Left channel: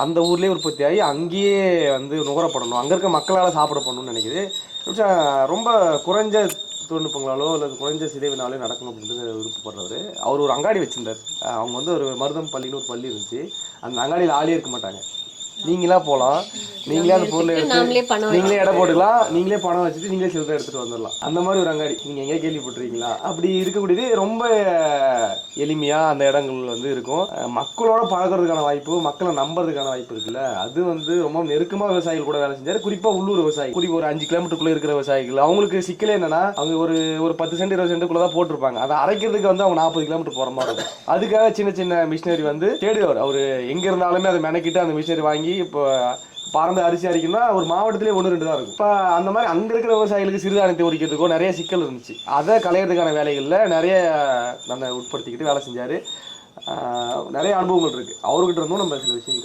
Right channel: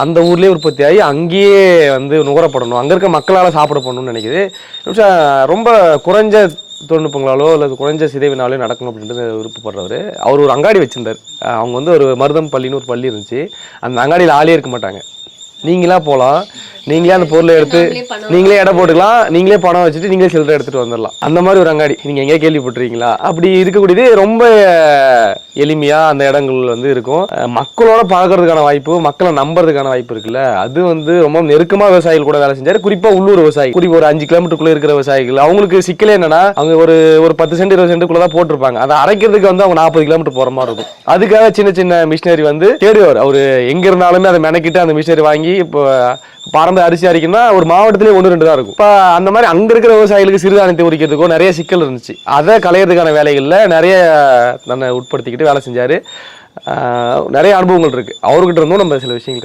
அந்த ஊர்லேயே உற்பத்தி ஆகி அங்கேயே வந்து நுகரப்படணும், அங்கே இருக்க மக்களால் சாப்பிடப்படணும்னு நினைக்குது. ரொம்ப குறைஞ்ச தொழில்நுட்பங்களாலோ அல்லது குறைஞ்ச சிதைவினாலோ நடக்கணும் அப்படின்றது விருப்பப்படுறவர். அவர் ஒரு அங்காடி வச்சிருந்தார். அவங்க வந்து ஒரு மருதம் பள்ளின்னு ஒரு பள்ளி இருந்துச்சு. அந்த அங்காடியில் ஆளே இருக்க மாட்டாங்க. நீங்களா போகலாம், நீங்களே அந்த பொருளை எடுத்து நீங்களே எடை போட்டுக்கலாம், நீங்களே பணம் வச்சுட்டு நீங்களே சில்லறை எடுத்துட்டு வந்துடலாம். அந்த மாதிரி ஒரு அங்காடி நீங்க எங்கேயா கேள்விப்பட்டிருக்கீங்களா? அப்படி இருக்கக்கூடியது ரொம்ப எளிமையா அந்த இடங்கள் வந்து இருக்கும். மக்களோட பழகிறதுக்கான வாய்ப்பு, மக்களை நம்புறதுக்கான வாய்ப்பு இருக்குல்ல, அது வந்து ரொம்ப நெருக்கமா விவசாயிகள் கூட வேலை செஞ்சாரு. குறிப்பா உள்ளூர் விவசாயி, குறிப்பா ஒரு 5 கிலோமீட்டருக்குள்ள இருக்கிற விவசாயிகள், அவங்களுக்கு சிக்கலே என்னன்னா அவங்க ஒரு 10 சென்ட் 20 சென்ட்டுக்குள்ள தான் போட்டிருப்பாங்க. அதை அரைக்கிறதுக்கு வந்து அவங்க 40 கிலோமீட்டர் போற மாதிரி இருக்கும். அதுக்காக சின்ன சின்ன மிஷினரி வந்து தேடுவார். அவரு எங்க இருந்தாலுமே அதை மெனக்கிட்டு அந்த மிஷினரி வாங்கி இப்போ பாரம்பரிய அரிசி அரைக்கணும்னா ஒரு மாவட்டத்திலே 1-2 தான் இருக்கும். இப்போ அந்த மாதிரி அங்க இருக்கிற விவசாயிகளுக்கு சிறுதானியத்தை உரிக்கிறதுக்கோ நிறைய சிக்கல் இருந்துச்சு. அதை களையிறதுக்கான வேலைகள்ல நிறைய தன்னை உட்படுத்திக்கிட்டு வேலை செஞ்சாரு. நிறைய அனுபவங்கள் இருக்கு அவர்கிட்ட இருந்தும் நம்ம சில விஷயங்கள்